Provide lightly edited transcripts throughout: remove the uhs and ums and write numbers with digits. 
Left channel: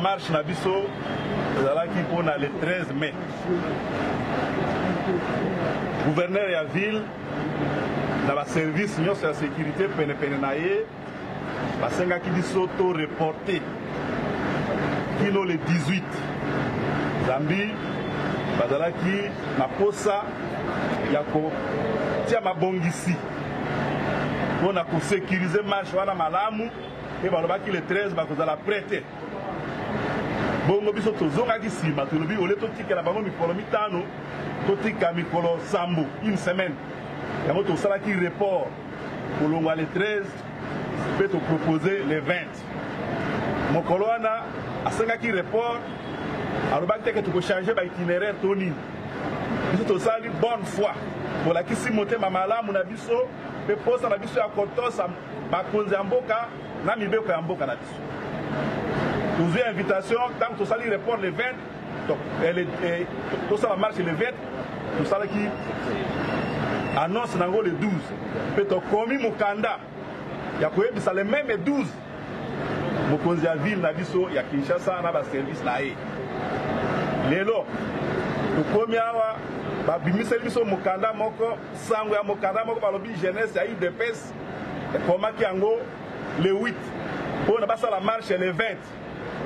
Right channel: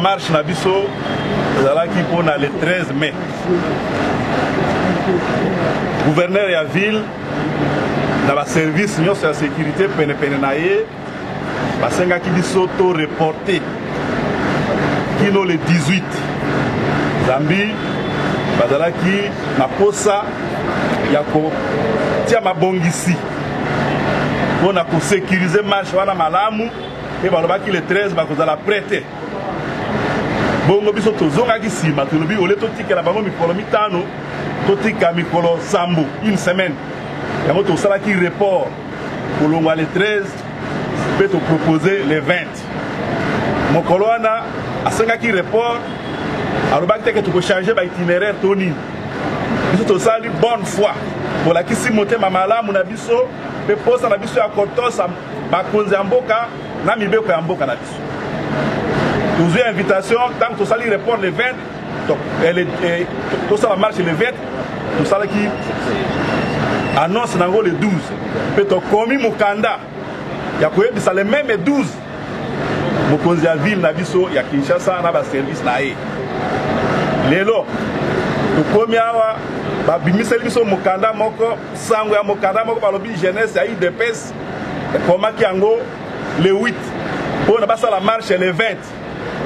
marche na biso ezalaki mpona le 13 mai. Gouverneur ya ville na ba service nyonso ya sécurité pene na ye basengaki biso to reporter kino le 18 zambi bazalaki na posa ya kotia mabongisi mpona kosécuriser marche wana malamu e balobaki le 13 bakozala prêté. Bongo biso tozongaki nsima tolobi ole totikela bango mikolo mitano totika mikolo sambo une semaine yango tosalaki report kolongwa le 13 mpe topropose le 20 mokolo wana asengaki report alobaki teke tokochange baitinéraire to nini biso tosali bonne foi bolakisi motema malamu na biso mpe posa na biso ya kotosa bakonzi ya mboka na mibeko ya mboka na biso. Tozwi invitation tant que tosali report le 20 tosala marche le 20 tosalaki annonce nango le 12 mpe tokomi mokanda ya koyebisa le même 12 mokonzi ya ville na biso ya Kinshasa na baservice na ye. Lelo tokomi awa babimiseli biso mokanda moko sango ya mokanda moko balobi jeunesse ya UDPS ekomaki yango le 8 mpona basala marche le 20.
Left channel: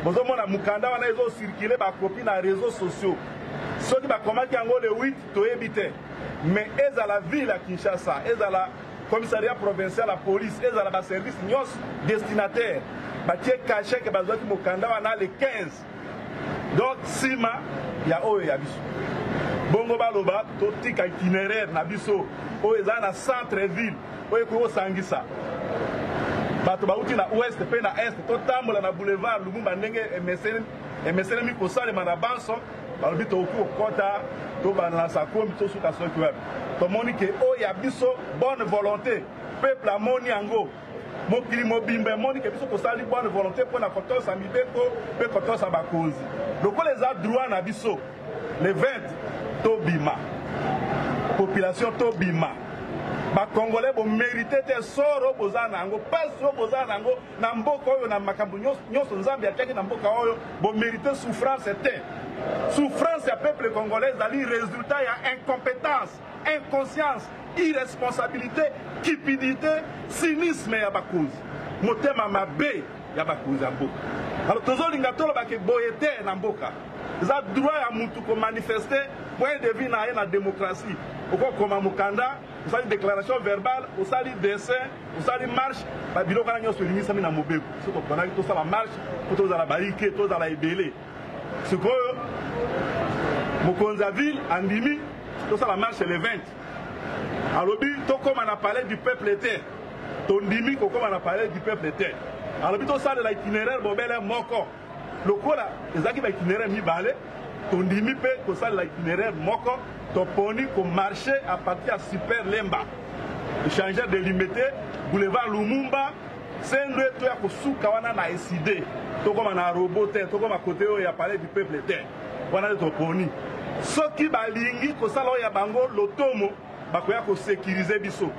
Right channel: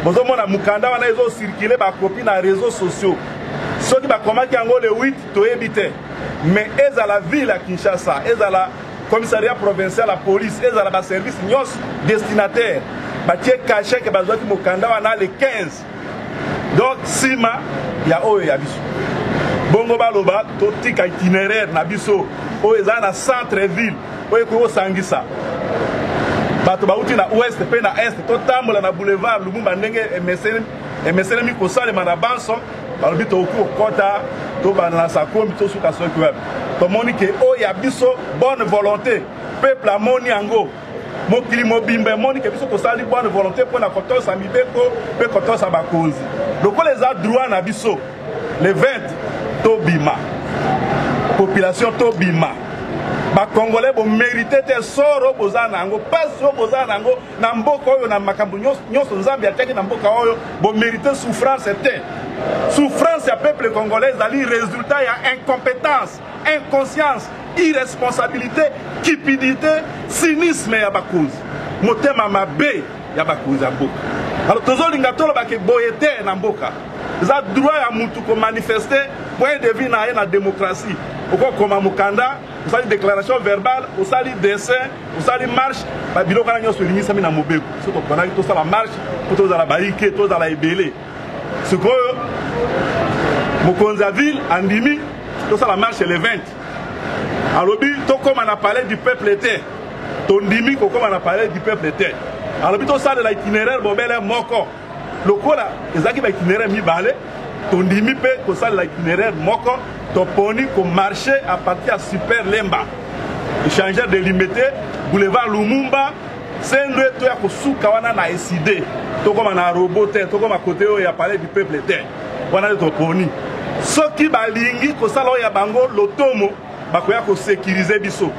Bozomona mukanda wana ezo circuler ba copie na réseaux sociaux. Soki bakomaki yango le 8 toyebi te. Mais ezala ville à Kinshasa, ezala commissariat provincial la police, ezala ba service nyos destinataire. Batie caché que bazwaki mukanda wana le 15. Donc sima ya oyo ya biso. Bongo baloba totika itinéraire na biso oyo ezala na centre ville oyo ko sangisa. Bato bauti na ouest pe na est totambola na boulevard Lumumba ndenge emesene mikosalema na banso balobi toku kota to bana na sakomi to suka soki web tomoni ke o ya biso bonne volonté peuple amoni yango mokili mobimba moni ke biso tosali bonne volonté pour na kotosa mibeko pe kotosa bakonzi lokola eza droit na biso le 20 to bima population to bima ba Congolais bo mérité te soro bozana nango paso bozana nango na mboka oyo na makambo nyonso nzambe ataki na mboka oyo bo mérité souffrance te souffrance ya peuple congolais ali résultat ya incompétence inconscience irresponsabilité cupidité cynisme ya bakonzi motema mabe ya bakonzi ya mboka. Alors tozolinga toloba ke boye te na mboka za droit ya mutu ko manifester point de vue na ye na démocratie oko koma mukanda usali déclaration verbale usali dessin usali marche ba biloko na nyonso limisami na mobeko so to kona to sala marche to tozala baike to tozala ebele sikoyo mokonzi ya ville andimi to sala marche le 20 alobi to koma na palais du peuple te to ndimi ko koma na palais du peuple te alobi to sala itinéraire bobele moko lokola ezaki ba itinéraire mibale to ndimi pe ko sala itinéraire moko toponi ko marcher à partir à Super Lemba échangeur de limité boulevard Lumumba sendwe to ya kosuka wana na SID to koma na robot to koma côté o ya palais du peuple te wana toponi soki balingi ko sala ya bango lotomo bakoya ko sécuriser biso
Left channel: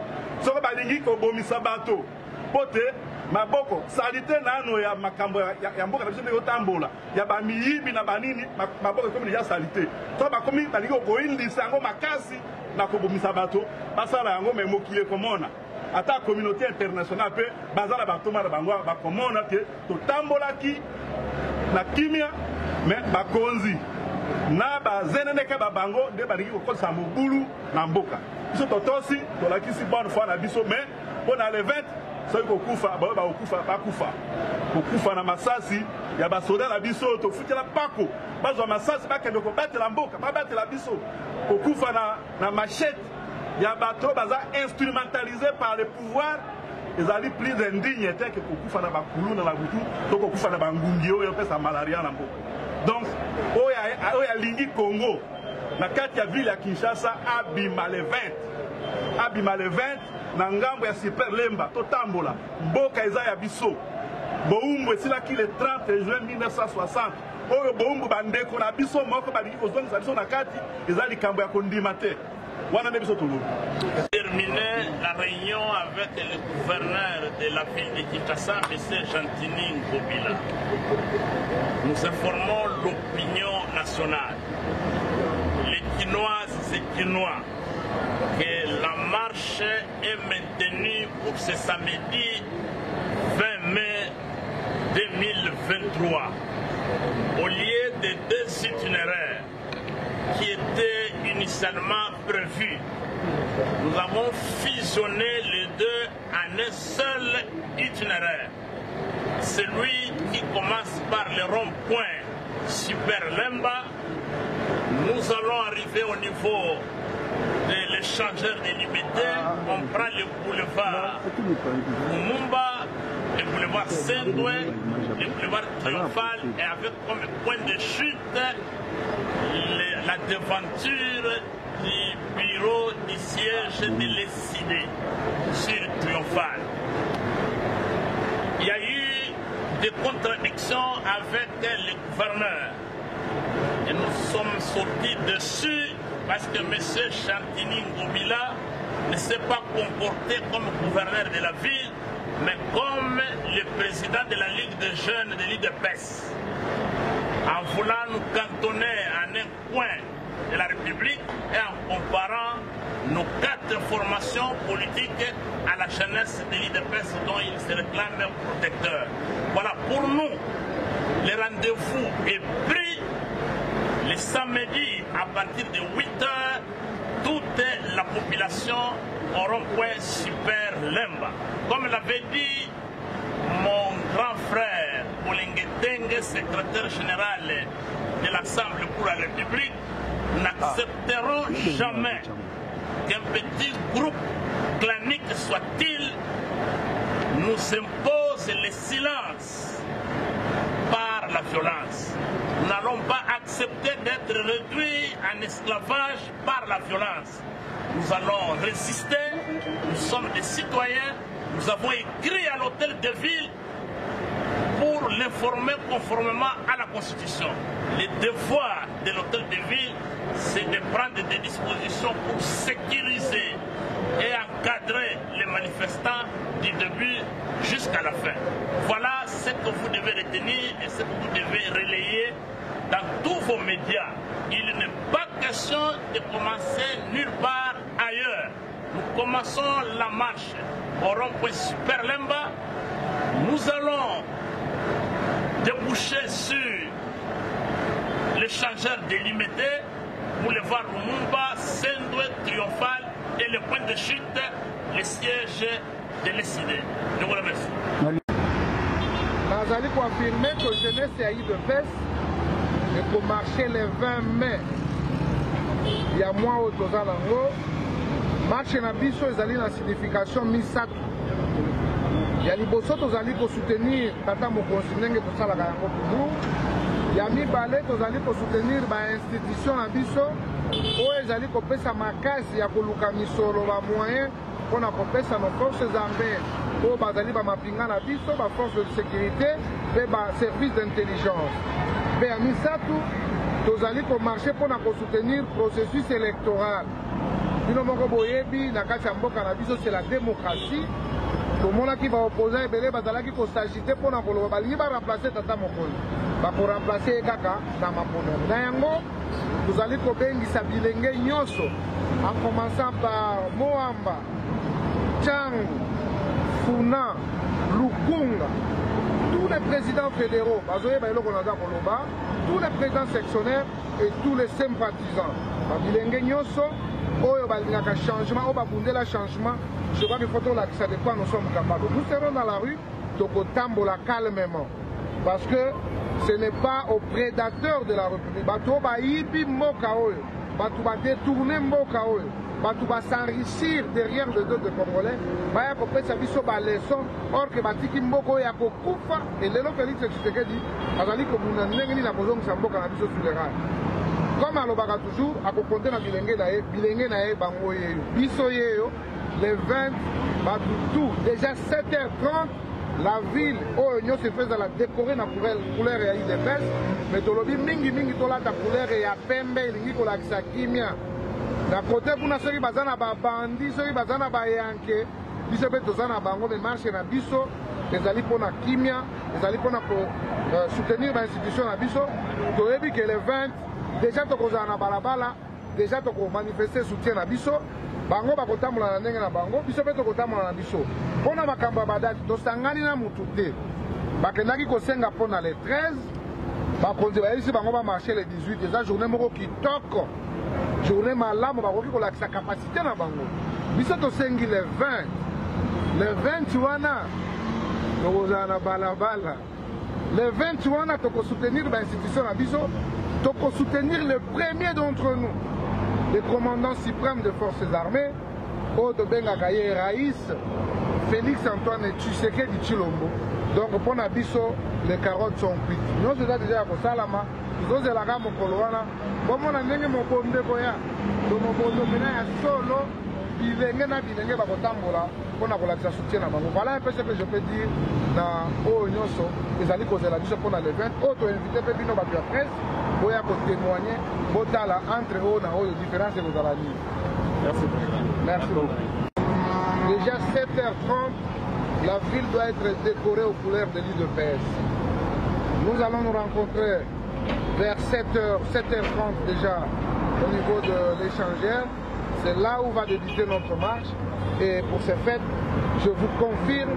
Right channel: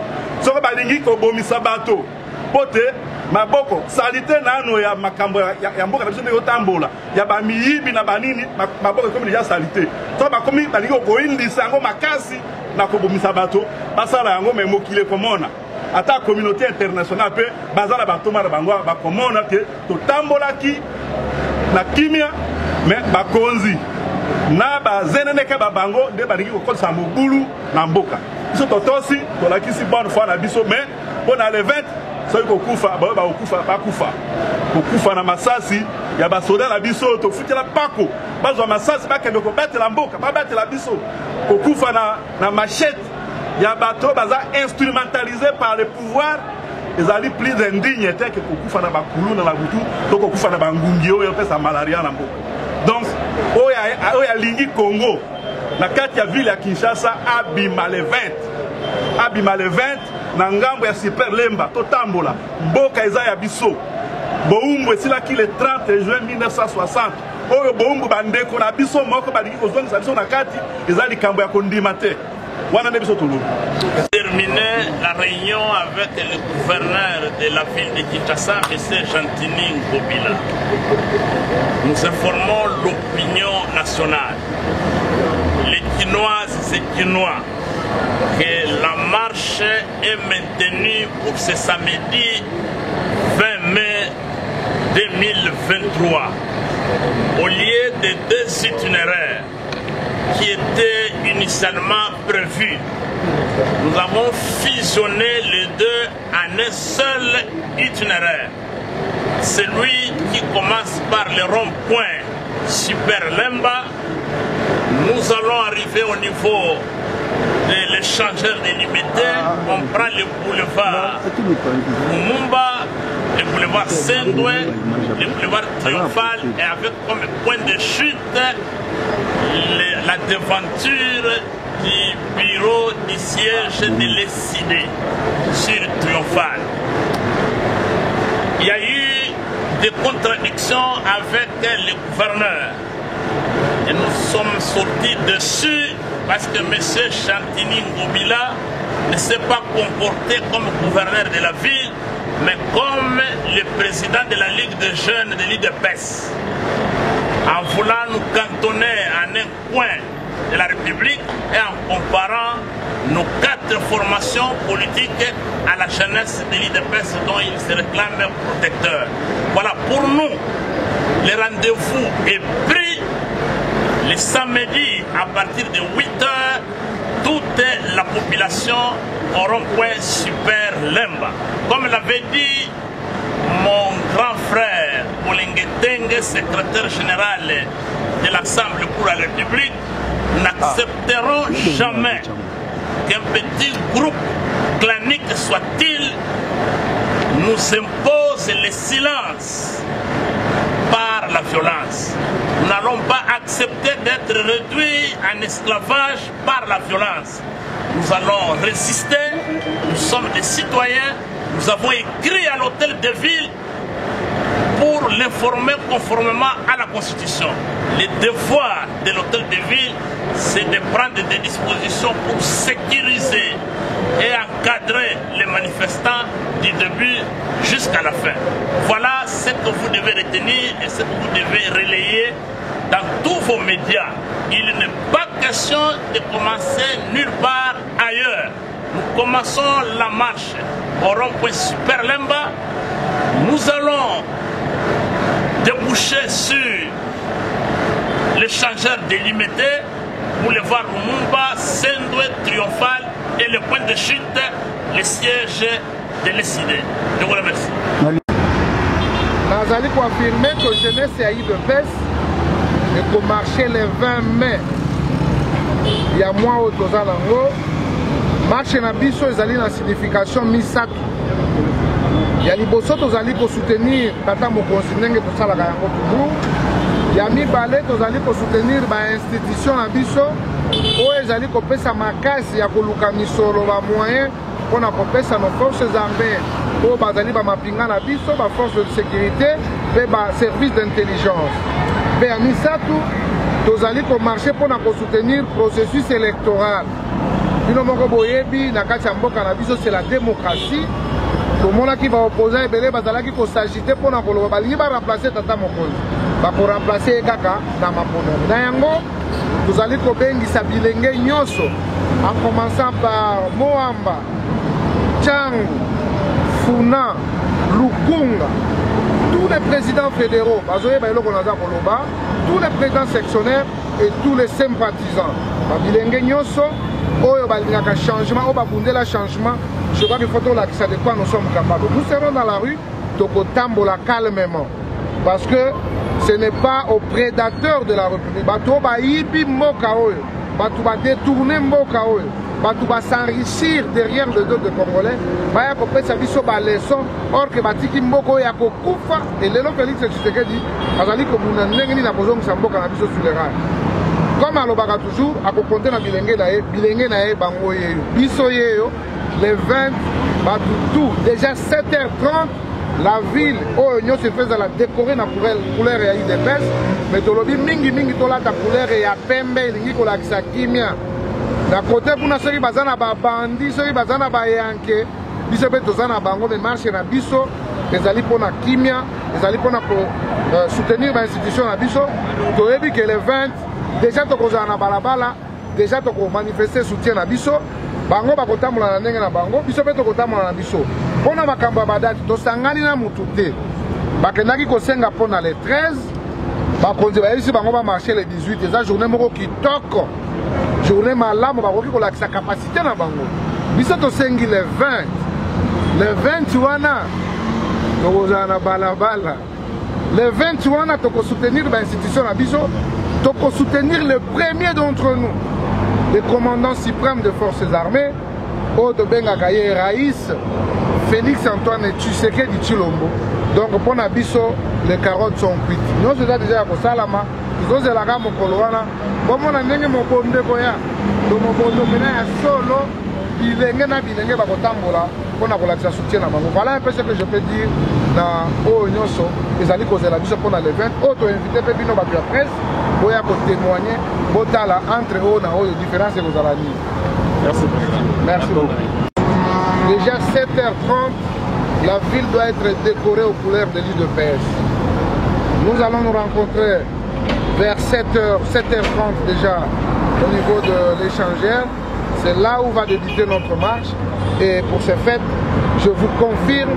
soki balingi ko bomisa bato pote maboko salite nano ya makambo ya mboka biso nyo tambola ya bamiyibi na banini maboko komi ya salite to ba komi balingi ko indisa yango makasi na ko bomisa bato basala yango memokile komona ata communauté internationale pe bazala bato mara bango ba komona ke to tambola ki na kimia mais bakonzi na bazenene ka babango de balingi ko kosa mobulu na mboka biso totosi to lakisi bonne foi na biso mais pona le 20 soki kokufa bakufa kokufa na masasi ya basoda na biso tofutela pako bazwa masasi bakende kobatela mboka babatela biso kokufa na machette ya bato baza instrumentalisé par le pouvoir ezali plus indigne te ke kokufa na bakulu na butu to kokufa na bangungi oyo pesa malaria na mboka. Donc oya lingi Congo na kati ya ville ya Kinshasa abima le 20 na ngambo ya Super Lemba totambola mboka eza ya biso boumbu esilaki le 30 juin 1960 oyo boumbu bandeko na biso moko balingi kozongisa biso na kati eza likambo ya kondima te Terminer la réunion avec le gouverneur de la ville de Kinshasa, M. Gentini Ngobila. Nous informons l'opinion nationale, les Kinoises et Kinois, que la marche est maintenue pour ce samedi 20 mai 2023. Au lieu de 2 itinéraires qui étaient initialement prévus, nous avons fusionné les deux en un seul itinéraire. Celui qui commence par le rond-point Super Lemba, nous allons arriver au niveau de l'échangeur délimité. On prend le boulevard Mumba, le boulevard Sendoué, le boulevard Triomphal, et avec comme point de chute la devanture du bureau du siège de l'ECD sur Triomphal. Il y a eu des contradictions avec le gouverneur et nous sommes sortis dessus parce que M. Gentini Ngobila ne s'est pas comporté comme gouverneur de la ville, mais comme le président de la Ligue de jeunes de l'IDPS, en voulant nous cantonner en un coin de la République et en comparant nos 4 formations politiques à la jeunesse de l'IDPS dont il se réclame protecteur. Voilà, pour nous, le rendez-vous est pris le samedi à partir de 8h, toute la population au rond-point Super Lemba. Comme l'avait dit mon grand frère Olingetenge, secrétaire général de l'Assemblée pour la République, nous n'accepterons jamais qu'un petit groupe clanique soit-il nous impose le silence par la violence. Nous n'allons pas accepter d'être réduits en esclavage par la violence. Nous allons résister, nous sommes des citoyens, nous avons écrit à l'hôtel de ville pour l'informer conformément à la Constitution. Le devoir de l'hôtel de ville, c'est de prendre des dispositions pour sécuriser et encadrer les manifestants du début jusqu'à la fin. Voilà ce que vous devez retenir et ce que vous devez relayer dans tous vos médias. Il n'est pas question de commencer nulle part ailleurs. Nous commençons la marche au rond-point Super Lemba. Nous allons déboucher sur l'échangeur délimité, boulevard Lumumba, Sendoué, Triomphal et le point de chute, le siège de l'ECD. Je vous remercie. Nous allons confirmer que la jeunesse est à IDPS et que marcher le 20 mai, il y a moins au Tozalango, marche na biso ezali na signification misato. Ya liboso tozali ko soutenir tata mokonzi ndenge tosalaka yango toujours. Ya mibale tozali ko soutenir ba institution na biso oyo ezali kopesa makasi ya koluka misolo ba moyen mpona kopesa nos forces armées oyo bazali bamapinga na biso ba force de sécurité mpe ba service d'intelligence. Mpe ya misato tozali komarche mpona kosoutenir processus électoral. Bino moko boyebi na kati ya mboka na biso c'est la démocratie. Tomonaki baopposant ebele bazalaki kosagite mpona koloba balingi baremplace tata mokonzi bakoremplace ye kaka na maponami na yango tozali kobengisa bilenge nyonso en commençant par Moamba, Tchangu, Funa, Lukunga, tous les présidents fédéraux bazoyeba eloko naza koloba, tous les présidents sectionnaires et tous les sympathisants babilenge nyonso oyo balingaka changement oyo babundela changement. Je crois qu'il faut que de quoi nous sommes capables. Nous serons dans la rue, Tokotambola calmement. Parce que ce n'est pas aux prédateurs de la République. Bato ba yibi mboka oyo, bato ba détourner mboka oyo, bato ba s'enrichir derrière le dos des Congolais. Baya kopesa biso ba leçon, or que batiki mboka oyo ya kokufa et lelo Félix Tshisekedi azali ko muna ndenge ni na bozongisa mboka na biso sur les rails. Comme alobaka toujours, akokonte na bilenge na ye bango yeyo. Biso yeyo le 20, tout, déjà 7h30, la ville, oh, nous se faisons la décorer dans la couleur et IDPS, mais tolobi mingi tola ta couleur et ya pembe, lingi kola kisa kimia. Na côté kuna soki bazana ba bandi, soki bazana ba yanke, biso pe tozana bango mais marche na biso, ezali pona kimia, ezali pona ko soutenir ba institution na biso. Toyebi que le 20 déjà tokozana na balabala, déjà toko manifester soutien na biso. Bango bakotambola na ndenge na bango, biso pe tokotambola na biso. Pona makambo ya badati tosangani na mutu te. Bakendaki kosenga pona le 13, bakonzi bayebisi bango ba marché le 18, eza journée moko kitoko. Journée malamu bakoki kolakisa capacité na bango. Biso tosengi le 20. Le 20 wana tokozala na balabala. Le 20 wana toko soutenir ba institution na biso, toko soutenir le premier d'entre nous, le commandant suprême des forces armées, Odo Bengakaye Raïs, Félix Antoine Tshisekedi Tshilombo. Donc pour Nabiso, les carottes sont cuites. Nous sommes déjà à Salama, nous sommes à la gamme Koloana. Bon, on a n'engagé mon bon de Goya, donc mon bon de Goya solo, il est n'engagé à Bakotambola, pour la relaxation soutien à Mango. Voilà un peu ce que je peux dire dans Oyoso, les alliés causés la biso pour le 20. Auto invité Pépino Batua Presse, pour témoigner, Botala entre eux, dans les différences et aux alanies. Merci beaucoup. Merci beaucoup. Déjà 7h30, la ville doit être décorée aux couleurs de l'île de PS. Nous allons nous rencontrer vers 7h30 déjà au niveau de l'échangeur. C'est là où va débuter notre marche. Et pour ce fait, je vous confirme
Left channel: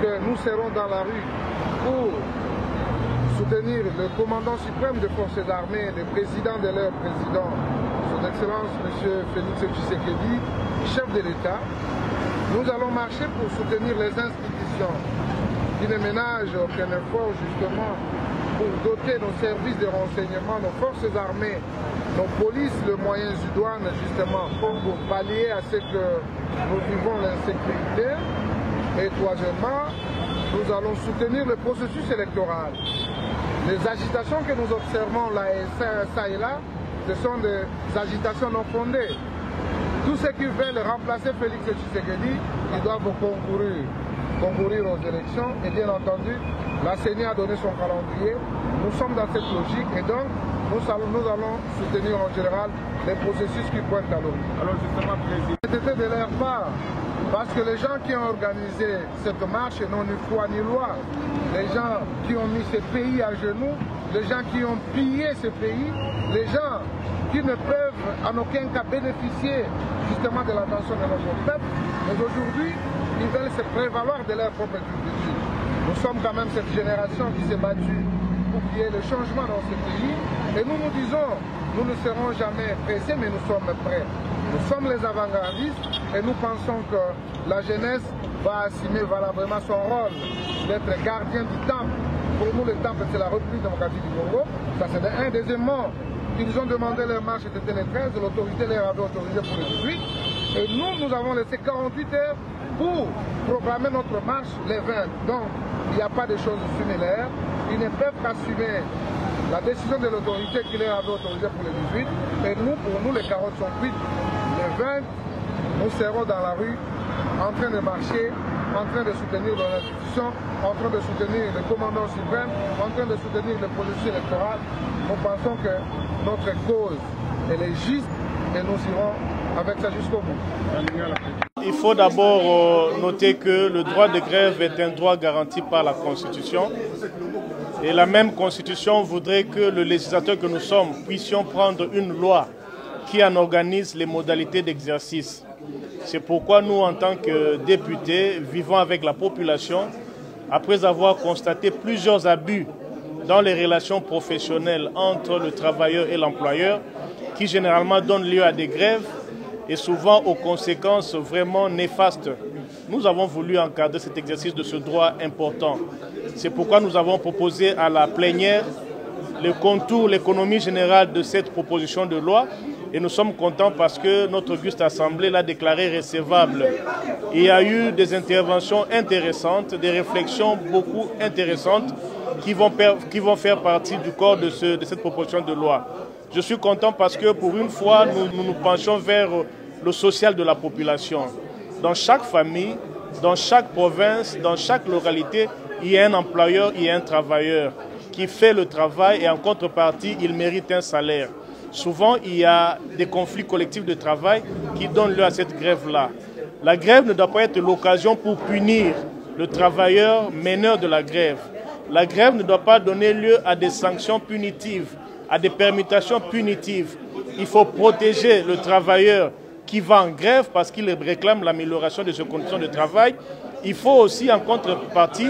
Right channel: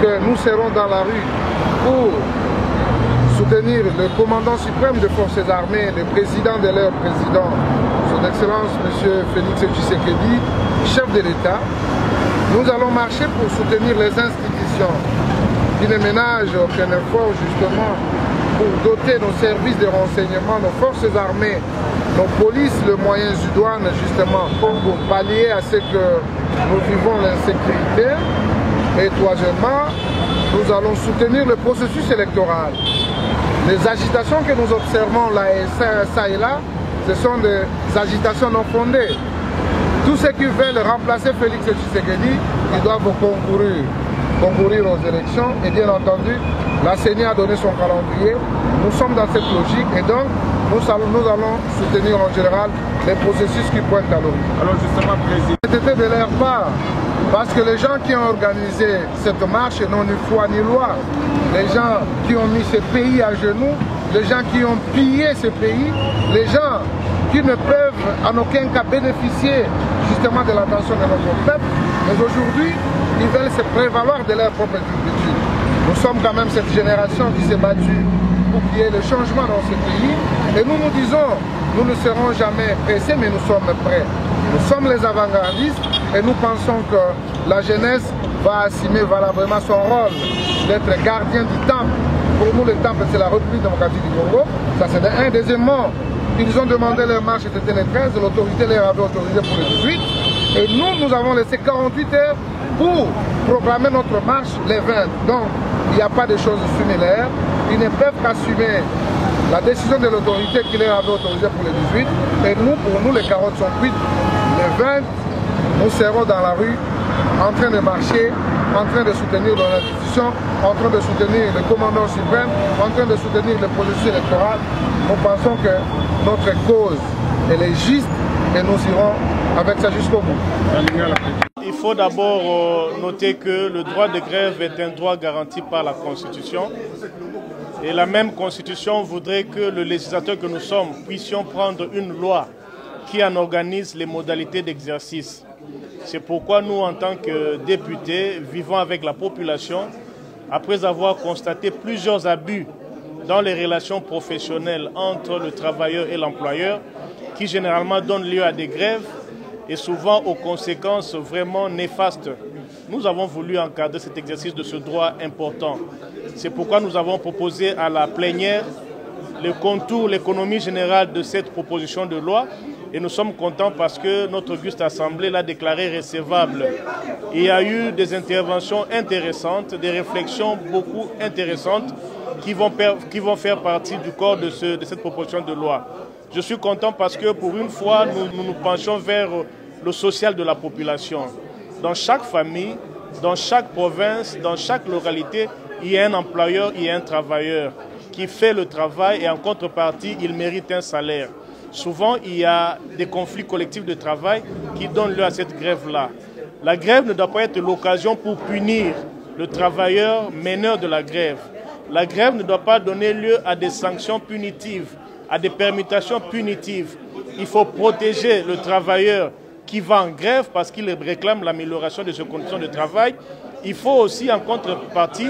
que nous serons dans la rue pour soutenir le commandant suprême des forces armées, le président de leur président, son Excellence M. Félix Tshisekedi, chef de l'État. Nous allons marcher pour soutenir les institutions qui ne ménagent aucun effort justement pour doter nos services de renseignement, nos forces armées, nos polices, les moyens du douane justement pour pallier à ce que nous vivons l'insécurité. Et troisièmement, nous allons soutenir le processus électoral. Les agitations que nous observons là et ça et là, ce sont des agitations non fondées. Tous ceux qui veulent remplacer Félix Tshisekedi, ils doivent concourir aux élections. Et bien entendu, la CENI a donné son calendrier. Nous sommes dans cette logique et donc nous allons soutenir en général les processus qui pointent à l'horizon. Alors justement, Président. C'était de leur part, parce que les gens qui ont organisé cette marche n'ont ni foi ni loi. Les gens qui ont mis ce pays à genoux, les gens qui ont pillé ce pays, les gens qui ne peuvent en aucun cas bénéficier justement de l'attention de notre peuple, mais aujourd'hui, ils veulent se prévaloir de leur propre culture. Nous sommes quand même cette génération qui s'est battue pour qu'il y ait le changement dans ce pays, et nous nous disons, nous ne serons jamais pressés, mais nous sommes prêts. Nous sommes les avant-gardistes, et nous pensons que la jeunesse va assumer valablement son rôle d'être gardien du temple. Pour nous, le temple, c'est la République démocratique du Congo. Ça, c'est un. Deuxièmement, ils ont demandé leur marche, c'était le 13, l'autorité les avait autorisé pour le 18. Et nous avons laissé 48 heures pour proclamer notre marche les 20. Donc, il n'y a pas de choses similaires. Ils ne peuvent qu'assumer la décision de l'autorité qui les avait autorisé pour le 18. Et nous, pour nous, les carottes sont cuites. Les 20, nous serons dans la rue, en train de marcher, en train de soutenir nos institutions, en train de soutenir le commandant suprême, en train de soutenir le processus électoral. Nous pensons que notre cause, elle est juste et nous irons avec ça jusqu'au bout. Il faut d'abord noter que le droit de grève est un droit garanti par la Constitution. Et la même Constitution voudrait que le législateur que nous sommes puissions prendre une loi qui en organise les modalités d'exercice. C'est pourquoi nous, en tant que députés, vivons avec la population, après avoir constaté plusieurs abus dans les relations professionnelles entre le travailleur et l'employeur, qui généralement donnent lieu à des grèves et souvent aux conséquences vraiment néfastes. Nous avons voulu encadrer cet exercice de ce droit important. C'est pourquoi nous avons proposé à la plénière le contour, l'économie générale de cette proposition de loi. Et nous sommes contents parce que notre auguste assemblée l'a déclaré recevable. Il y a eu des interventions intéressantes, des réflexions beaucoup intéressantes qui vont faire partie du corps de cette proposition de loi. Je suis content parce que pour une fois, nous nous penchons vers le social de la population. Dans chaque famille, dans chaque province, dans chaque localité, il y a un employeur, il y a un travailleur qui fait le travail et en contrepartie, il mérite un salaire. souvent il y a des conflits collectifs de travail qui donnent lieu à cette grève-là. La grève ne doit pas être l'occasion pour punir le travailleur meneur de la grève. La grève ne doit pas donner lieu à des sanctions punitives, à des permutations punitives. Il faut protéger le travailleur qui va en grève parce qu'il réclame l'amélioration de ses conditions de travail. Il faut aussi, en contrepartie,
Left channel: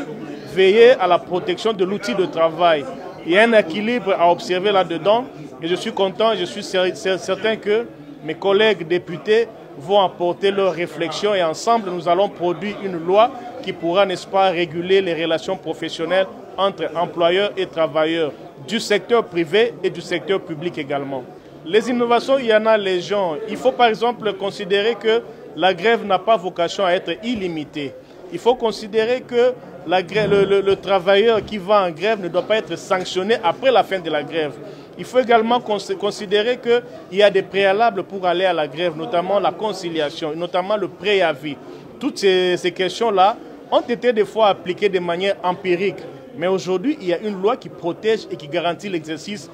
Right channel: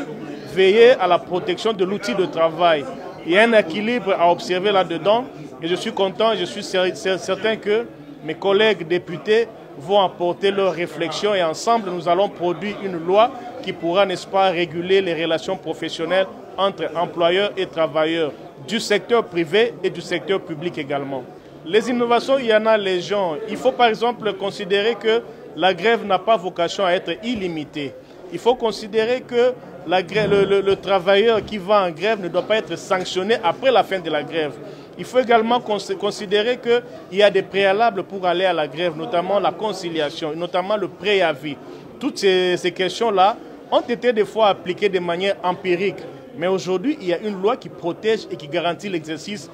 veiller à la protection de l'outil de travail. Il y a un équilibre à observer là-dedans et je suis content, je suis certain que mes collègues députés vont apporter leurs réflexions et ensemble nous allons produire une loi qui pourra, n'est-ce pas, réguler les relations professionnelles entre employeurs et travailleurs du secteur privé et du secteur public également. Les innovations, il y en a légion. Il faut par exemple considérer que la grève n'a pas vocation à être illimitée. Il faut considérer que le travailleur qui va en grève ne doit pas être sanctionné après la fin de la grève. Il faut également considérer qu'il y a des préalables pour aller à la grève, notamment la conciliation, notamment le préavis. Toutes ces questions-là ont été des fois appliquées de manière empirique. Mais aujourd'hui, il y a une loi qui protège et qui garantit l'exercice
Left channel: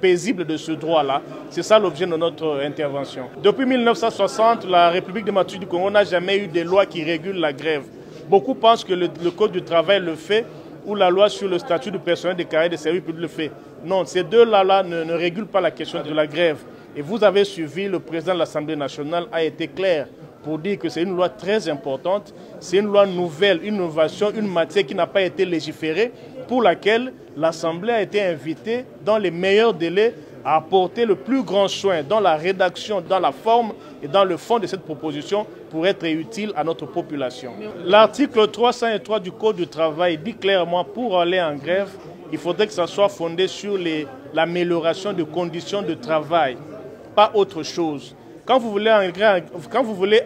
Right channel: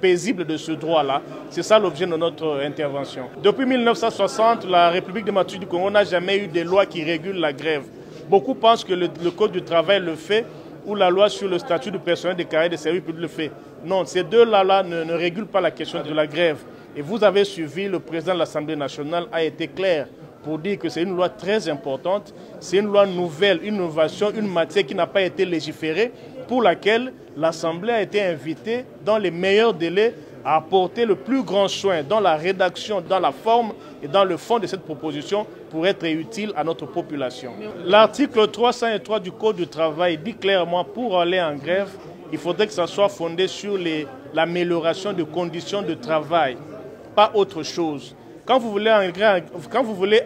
paisible de ce droit-là. C'est ça l'objet de notre intervention. Depuis 1960, la République démocratique du Congo n'a jamais eu de loi qui régule la grève. Beaucoup pensent que le Code du travail le fait ou la loi sur le statut du personnel des carrières de services publics le fait. Non, ces deux lois-là ne régulent pas la question de la grève. Et vous avez suivi, le président de l'Assemblée nationale a été clair pour dire que c'est une loi très importante, c'est une loi nouvelle, une innovation, une matière qui n'a pas été légiférée, pour laquelle l'Assemblée a été invitée dans les meilleurs délais à apporter le plus grand soin dans la rédaction, dans la forme et dans le fond de cette proposition pour être utile à notre population. L'article 303 du Code du travail dit clairement pour aller en grève, il faudrait que ça soit fondé sur l'amélioration des conditions de travail, pas autre chose. Quand vous voulez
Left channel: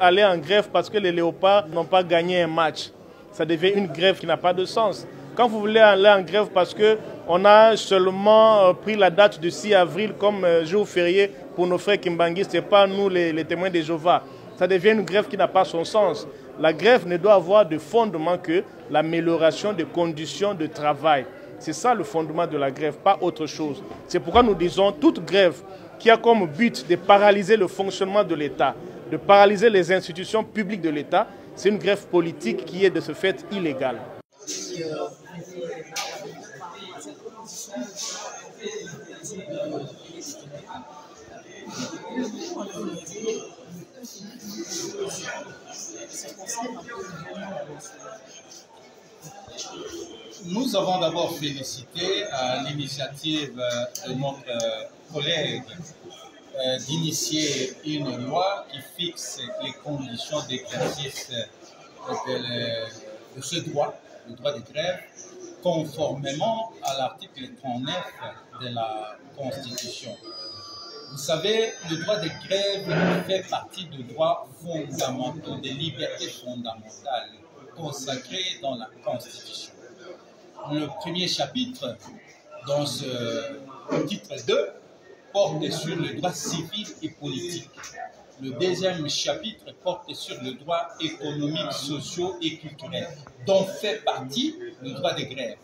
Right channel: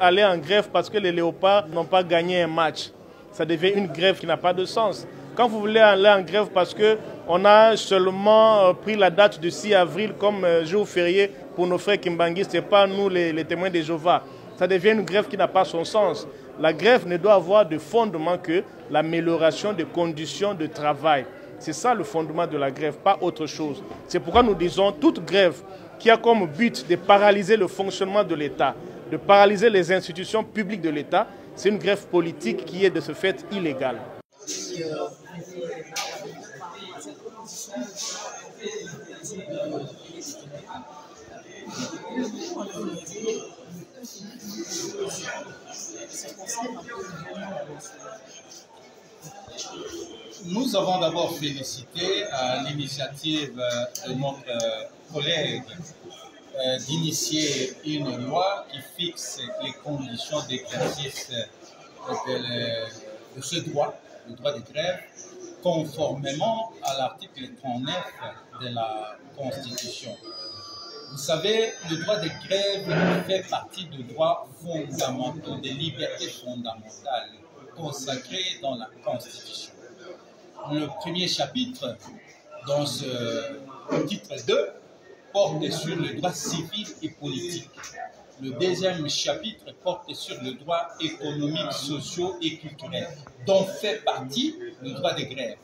aller en grève parce que les léopards n'ont pas gagné un match, ça devient une grève qui n'a pas de sens. Quand vous voulez aller en grève parce qu'on a seulement pris la date du 6 avril comme jour férié pour nos frères Kimbanguistes, ce n'est pas nous les témoins de Jéhovah, ça devient une grève qui n'a pas son sens. La grève ne doit avoir de fondement que l'amélioration des conditions de travail. C'est ça le fondement de la grève, pas autre chose. C'est pourquoi nous disons toute grève qui a comme but de paralyser le fonctionnement de l'État, de paralyser les institutions publiques de l'État, c'est une grève politique qui est de ce fait illégale. Nous avons d'abord félicité l'initiative de notre collègue d'initier une loi qui fixe les conditions d'exercice de ce droit, le droit de grève, conformément à l'article 39 de la Constitution. Vous savez, le droit de grève fait partie des droits fondamentaux, des libertés fondamentales consacrées dans la Constitution. Le premier chapitre, dans ce titre 2, porte sur le droit civil et politique. Le deuxième chapitre porte sur le droit économique, social et culturel, dont fait partie le droit de grève.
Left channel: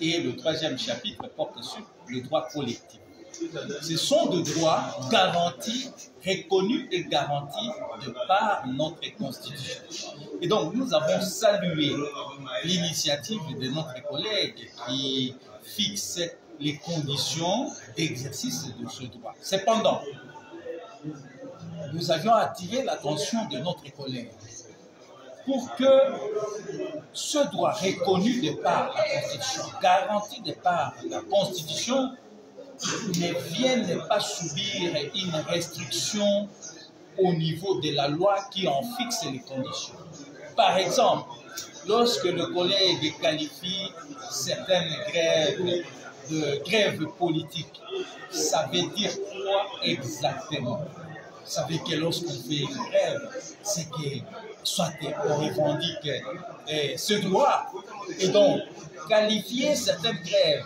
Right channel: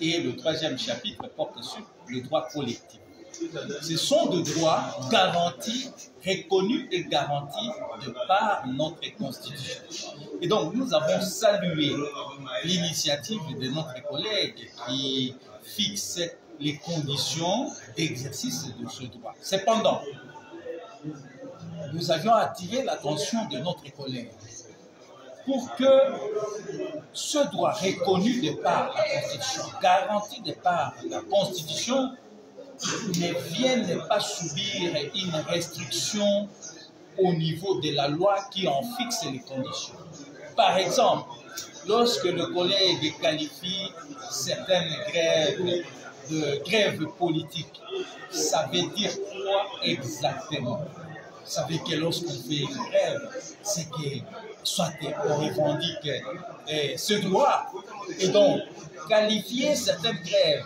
Et le troisième chapitre porte sur le droit collectif. Ce sont des droits garantis, reconnus et garantis de par notre Constitution. Et donc, nous avons salué l'initiative de notre collègue qui fixe les conditions d'exercice de ce droit. Cependant, nous avions attiré l'attention de notre collègue pour que ce droit reconnu de par la Constitution, garanti de par la Constitution, ne vienne pas subir une restriction au niveau de la loi qui en fixe les conditions. Par exemple, lorsque le collègue qualifie certaines grèves de grèves politiques, ça veut dire quoi exactement? Ça veut dire que lorsqu'on fait une grève, c'est que soit on revendique ce droit, et donc qualifier certaines grèves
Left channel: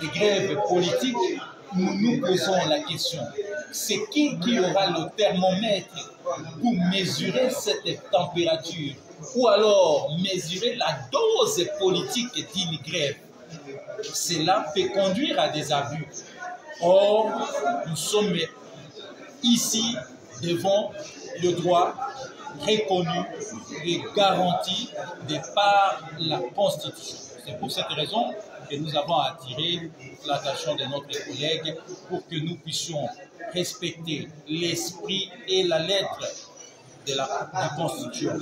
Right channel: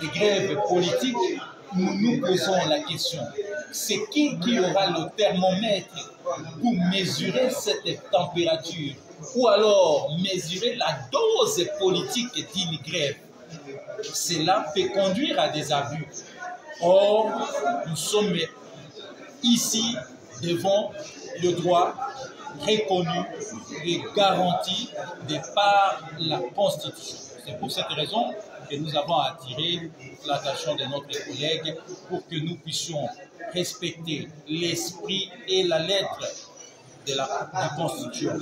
de grèves politiques, nous nous posons la question, c'est qui aura le thermomètre pour mesurer cette température ou alors mesurer la dose politique d'une grève? Cela peut conduire à des abus. Or, nous sommes ici devant le droit reconnu et garanti de par la Constitution. C'est pour cette raison que nous avons attiré l'attention de notre collègue pour que nous puissions respecter l'esprit et la lettre de la Constitution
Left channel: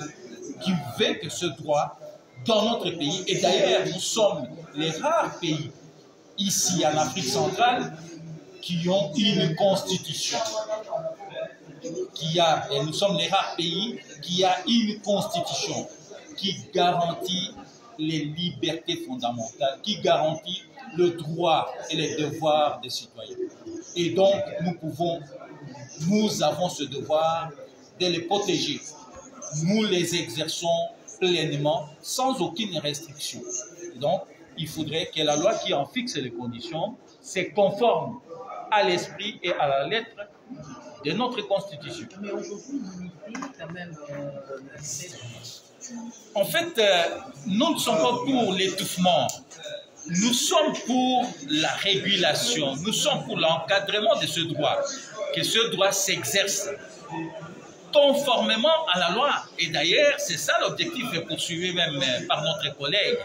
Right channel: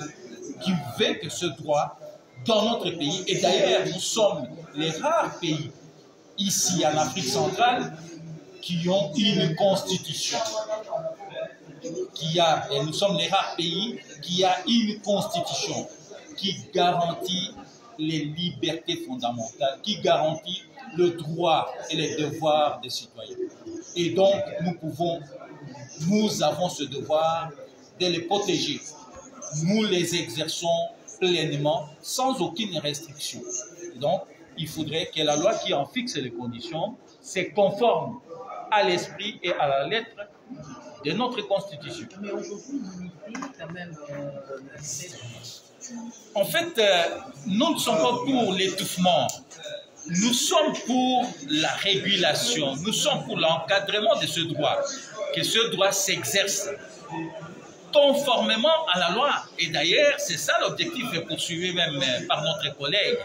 qui veut que ce droit dans notre pays, et d'ailleurs nous sommes les rares pays ici en Afrique centrale qui ont une constitution. Et nous sommes les rares pays qui a une constitution qui garantit les libertés fondamentales, qui garantit le droit et les devoirs des citoyens. Et donc nous avons ce devoir de les protéger. Nous les exerçons pleinement, sans aucune restriction. Et donc, il faudrait que la loi qui en fixe les conditions se conforme à l'esprit et à la lettre de notre Constitution. Mais aujourd'hui, l'unité, quand même, en fait, nous ne sommes pas pour l'étouffement. Nous sommes pour la régulation. Nous sommes pour l'encadrement de ce droit. Que ce droit s'exerce conformément à la loi. Et d'ailleurs, c'est ça l'objectif poursuivi même par notre collègue.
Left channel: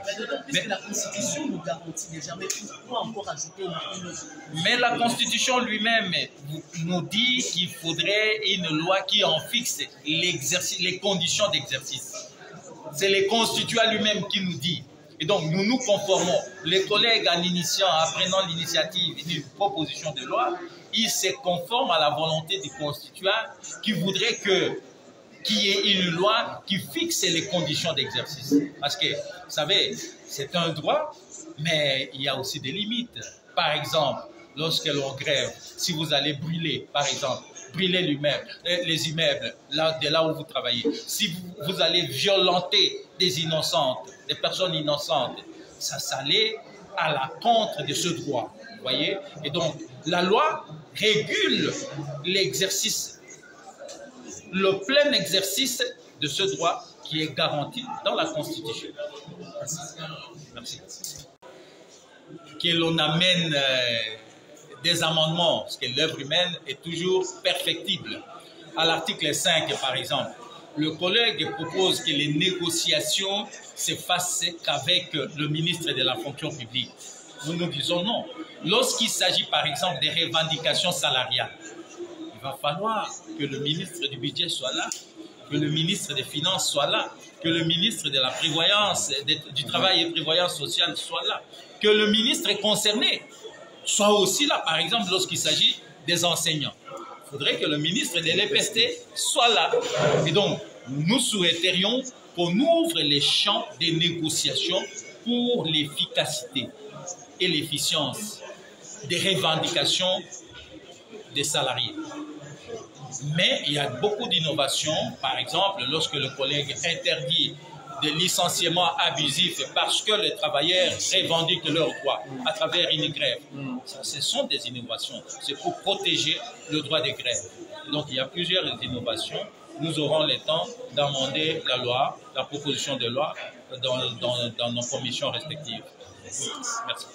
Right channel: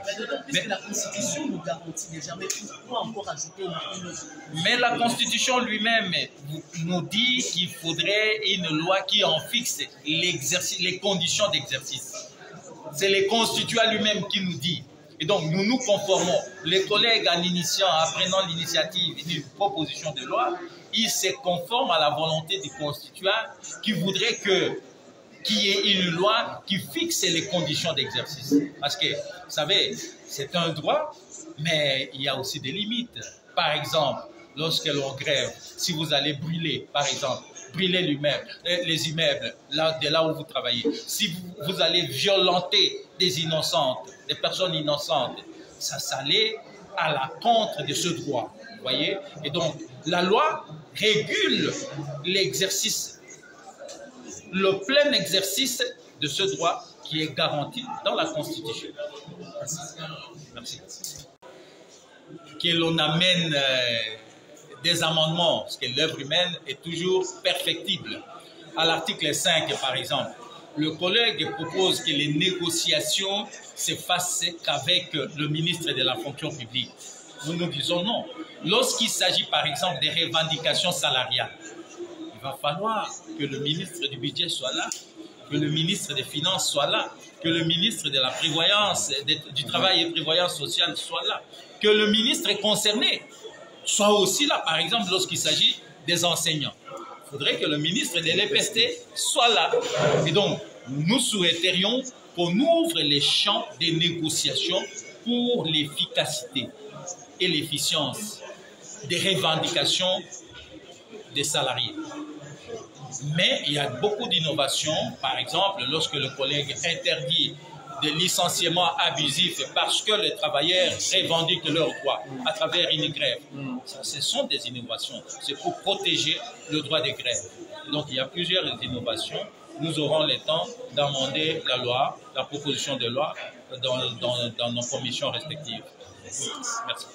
Mais la Constitution nous garantit déjà, mais pourquoi encore ajouter une autre? Mais la Constitution lui-même nous dit qu'il faudrait une loi qui en fixe les conditions d'exercice. C'est le constituant lui-même qui nous dit. Et donc, nous nous conformons. Les collègues, en prenant l'initiative d'une proposition de loi, ils se conforment à la volonté du constituant qui voudrait qu'il y ait une loi qui fixe les conditions d'exercice. Parce que, vous savez, c'est un droit, mais il y a aussi des limites. Par exemple, lorsque l'on grève, si vous allez brûler, par exemple, brûler les immeubles de là où vous travaillez, si vous allez violenter des innocentes, des personnes innocentes, ça s'allait à la contre de ce droit. Vous voyez? Et donc, la loi régule l'exercice, le plein exercice de ce droit qui est garanti dans la Constitution. Merci. Que l'on amène des amendements, parce que l'œuvre humaine est toujours perfectible. À l'article 5, par exemple, le collègue propose que les négociations se fassent qu'avec le ministre de la fonction publique. Nous nous disons non. Lorsqu'il s'agit par exemple des revendications salariales, il va falloir que le ministre du budget soit là, que le ministre des Finances soit là, que le ministre de la Prévoyance, du Travail et Prévoyance sociale soit là, que le ministre concerné soit aussi là, par exemple lorsqu'il s'agit des enseignants. Il faudrait que le ministre de l'EPST soit là. Et donc, nous souhaiterions qu'on ouvre les champs des négociations pour l'efficacité et l'efficience des revendications des salariés. Mais il y a beaucoup d'innovations. Par exemple, lorsque le collègue interdit des licenciements abusifs parce que les travailleurs revendiquent leurs droits à travers une grève. Ça, ce sont des innovations. C'est pour protéger le droit des grèves. Donc, il y a plusieurs innovations. Nous aurons le temps d'amender la loi, la proposition de loi dans nos commissions respectives. Merci.